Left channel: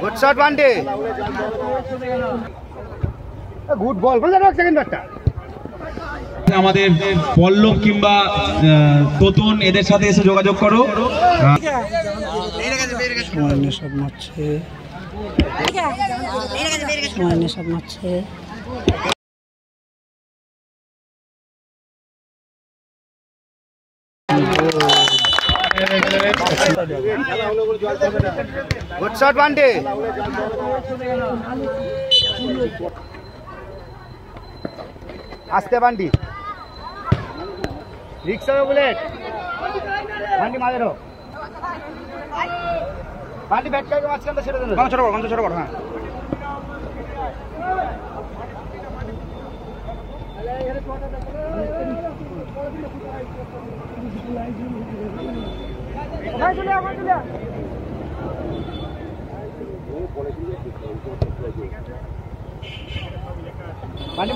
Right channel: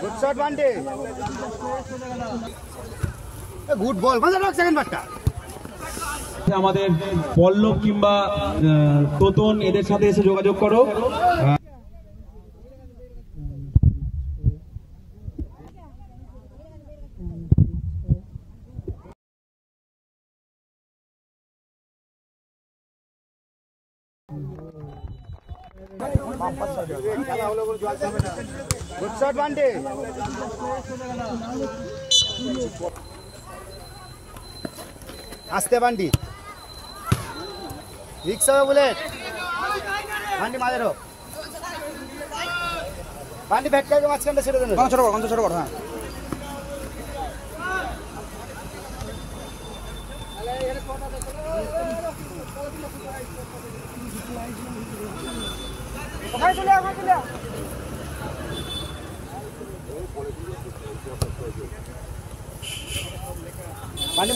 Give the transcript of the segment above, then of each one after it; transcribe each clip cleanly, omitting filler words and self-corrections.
Good shot Bunty, good ball. Second ব্যাটটা আমাদের পল্লব কিংবা তোতন এদের সাথে এসে যোগাযোগ করো। গুড শট বান্টি, আসতে বান্টি, রিক্সা বুলেট বান্টি মাঝেরও বান্টি ব্যাট করে মাঝখানটা ছেড়ে দেন। ছোট বড় হ্যাঁ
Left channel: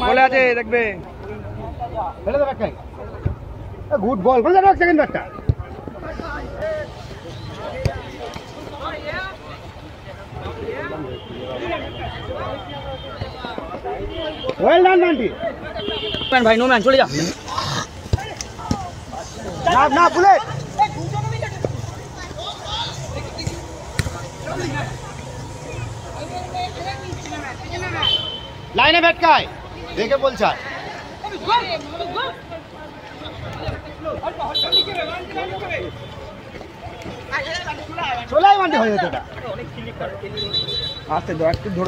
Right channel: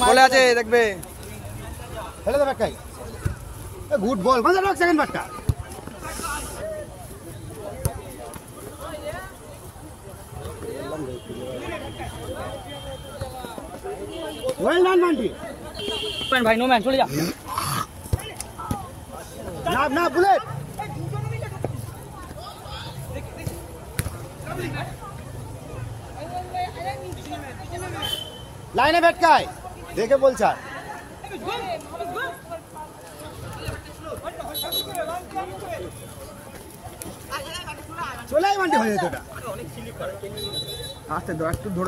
বলে আছে দেখবে ফেলে দেবে একটাই। Good ball. সেকেন্ড ব্যাটটা ওয়েল ডান বান্টি। ভাই নো ম্যান চলে যা না বুলেট। লাইনে ভেটকায় দেখে বলছে চলাই বান্টি হয়ে যেত। আস্তে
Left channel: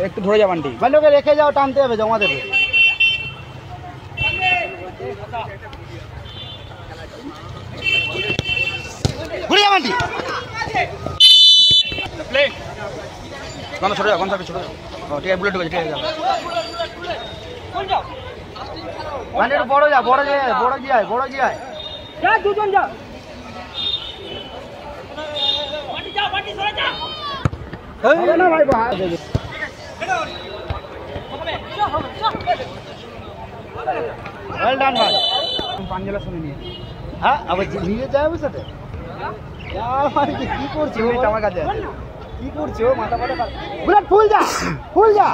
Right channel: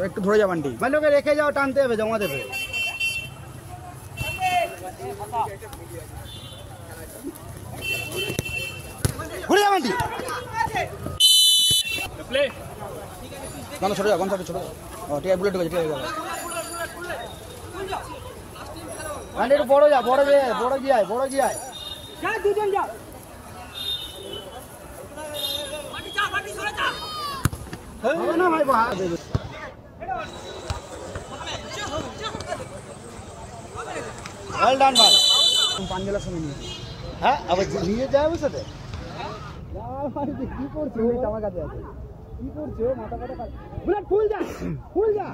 একটু ধরে যা বান্টি, ওকে রেখে যাও, টানতে হবে, জমা দেবে। ঘুরে যা বান্টি, ছোট যাও, ছোট যাও। ও ঠিক আছে, বুলেট ঢুকেছে, ঠিক আছে বড় যা, বড় জিয়ায় যা, দুজন যা। না ভাই ওয়েল ডান ভাই। পাঞ্জাবের সাথে নিয়ে হ্যাঁ আবার নিয়ে যায় ওর সাথে। কি করছি আমার কাছে, কি করছি ও মাথা পাটা বুলেট ফুল যা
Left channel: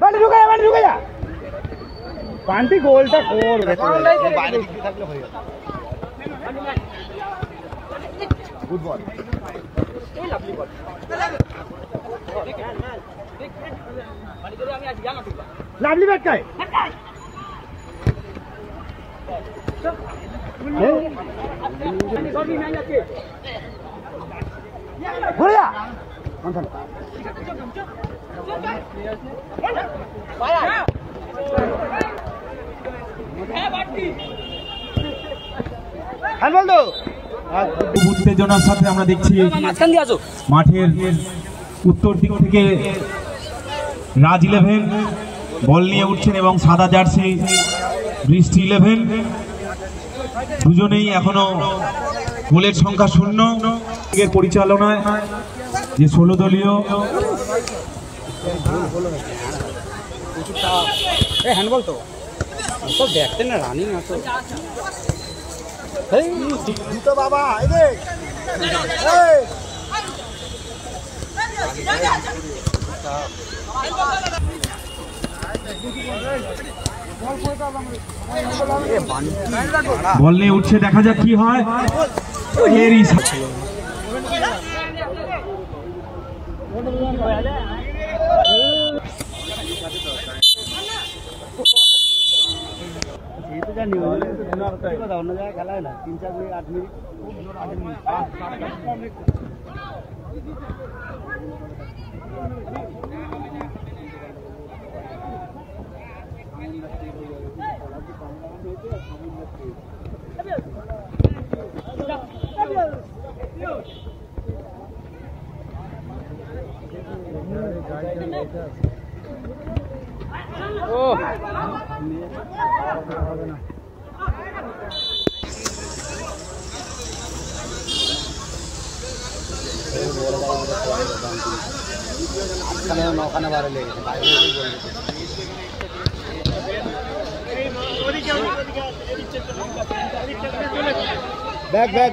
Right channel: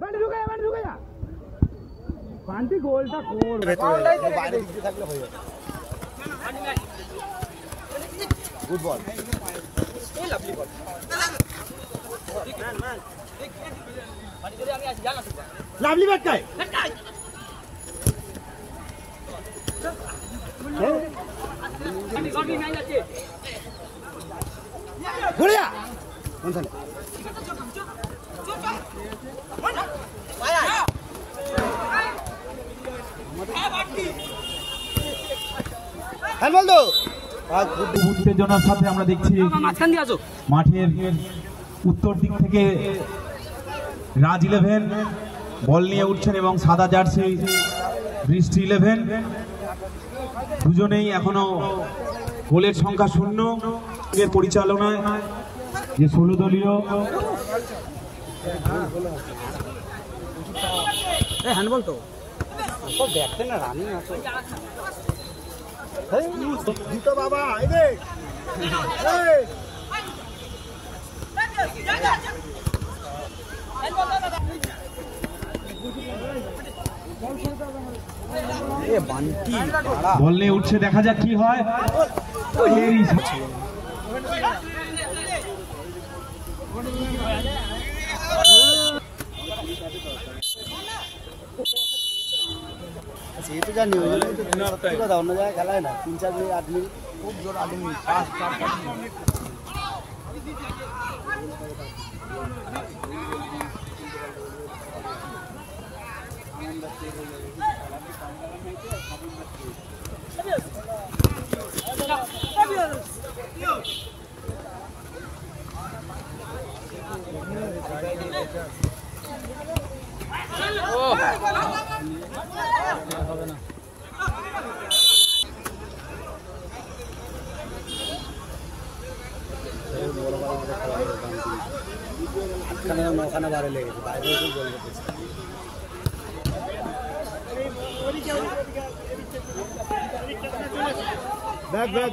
বান্টি ঢুকে যা বান্টি গোলটা করবে বাইরে থাকলে হয়ে যাবে। গুড বল, লাভলি ব্যাট কাই ঘুরে যা উত্তেজনার সাথে আমরা দেখছি মাঠের উত্তর দিক থেকে রাজ 11 বল নিয়ে উঠছেন এবং সাদা জার্সি বৃষ্টি 11 দুজনেই এখনো গোলের সংখ্যা 0 পরিচালনায় যে 16 দলীয় হ্যান্ডবল তো দেখতে না রানিং আছে তো বাবা বল নিয়ে উঠছে, দেখা যাক কি হয়। জানি অন্য জায়গায় খেলায় না 3-4 মিনিট 8 মিনিট খুব জোর 8 মিনিট 5-4 नौखाना बारह ले बैक बैक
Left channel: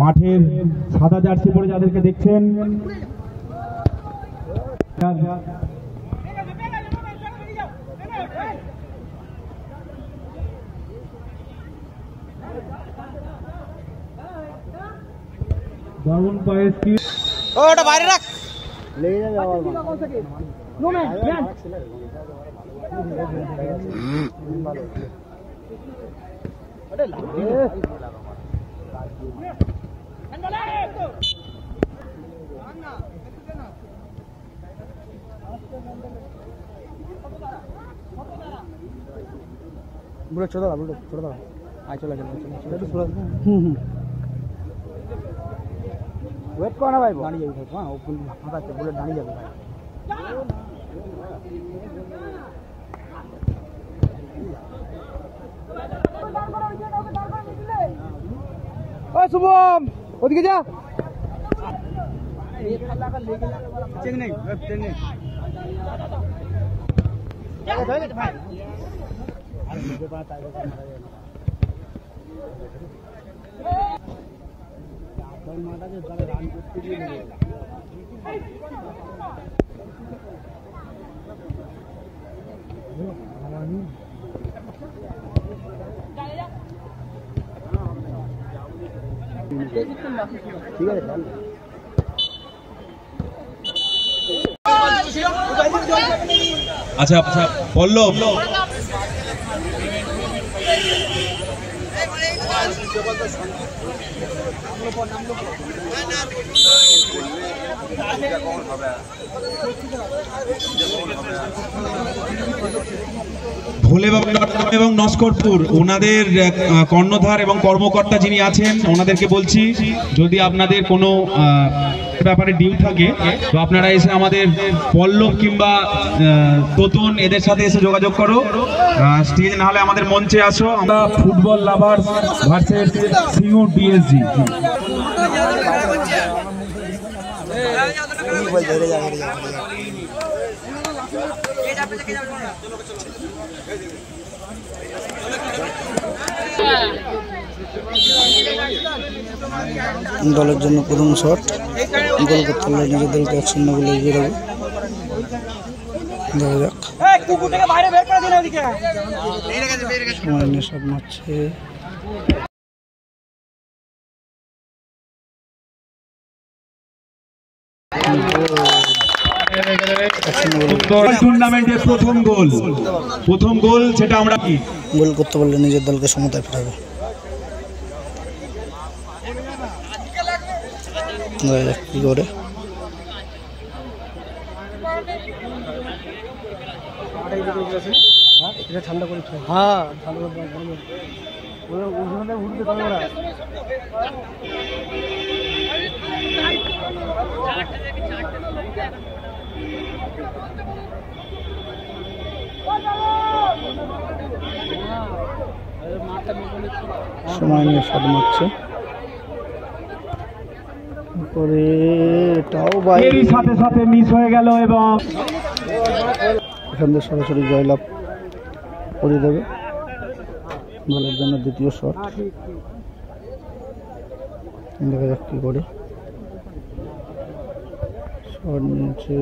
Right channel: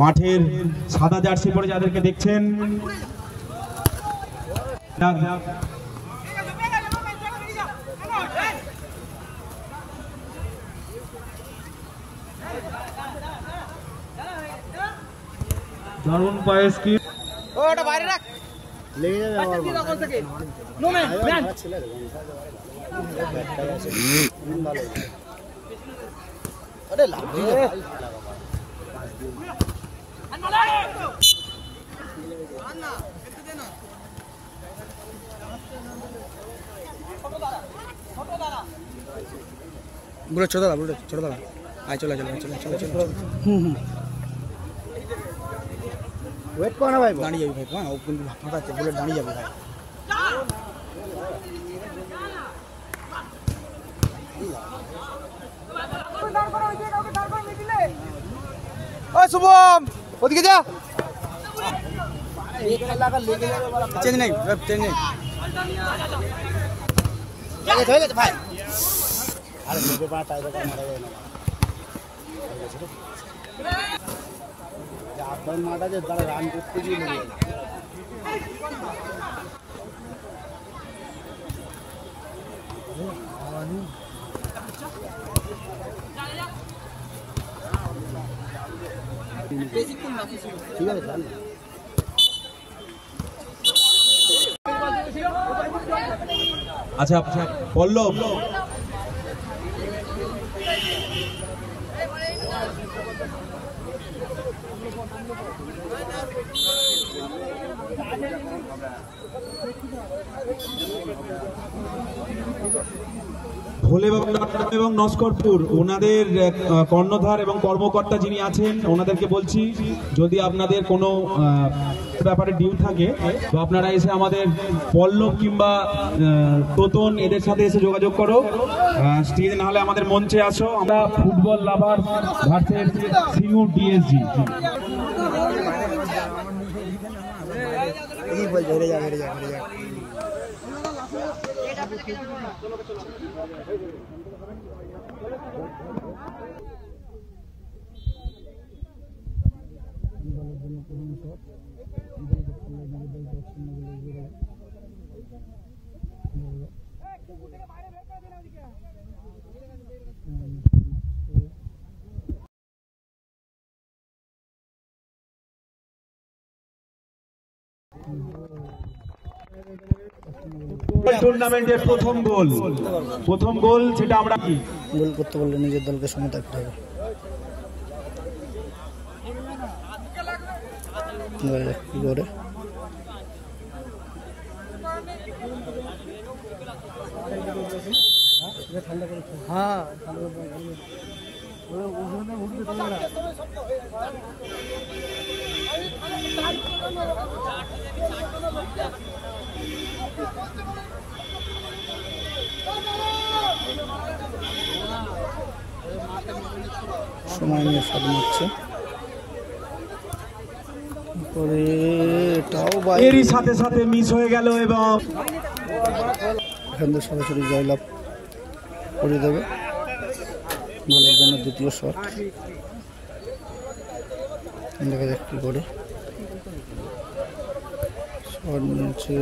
মাঠের সাদা জার্সি পরে যাদেরকে দেখছেন, দারুণ পায়েস কি ওটা বাইরে রাখ, লেগে যাবে আবার নো ম্যান ম্যান আরে লাগবে বুলেট ছোট দাঁড়া আয় চলে ওয়েট কর না ভাই, দাঁড়িয়ে যাবি ভাই, হ্যাঁ ওপেন ফাঁকা আছে, বুলেট দাঁড়িয়ে যাবে ভাই। শুভম ওদিকে যা, চেঞ্জ নেই ভাই, আরে আপনার মাঠ আছে, তারা রান করতে গিয়ে ঠিক আছে। আচ্ছা পল্লব, ভোলেবাবু এবং নস্করপুর ওনাদের কর্ণধার এবং কর্মকর্তা যিনি আছেন ওনাদেরকে বলছি, যদি আপনাদের কোনো ব্যাপারে ডিউ থাকে তো আপনারা এসে আমাদের পল্লব কিংবা তোতন এদের সাথে এসে যোগাযোগ করো, স্টেজ না হলে আমাদের মঞ্চে আসো। আমরা ফুটবল লাভার ভার্সেস সিঙ্গুর ডিএসজি। দলের জন্য প্রথম শট, গোল করতে হলে নিজের দলকে 1-0 বলে এগিয়ে দেবো। দেখা যাক, সময় নিয়ে শট মারছে, টুর্নামেন্টের প্রথম গোল সেটা আমরা গোল করতে পারলে নিজের দলকে সমতায় ফেরাবে। কি করে ঠান্ডা করে, হ্যাঁ ঠান্ডা করে উঠবে তোমরা। সময় নিয়ে শট মারছে, এরই সাথে সাথে মিস হয়ে গেল এবং এখান থেকে সরাসরি জয়লাভ করে দেবে দলের জন্য দ্বিতীয় শট। দেখা যাক কি করে শট নিয়েছে,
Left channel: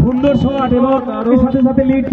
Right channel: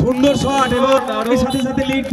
সুন্দর শট এবং এর সাথে সাথে লিড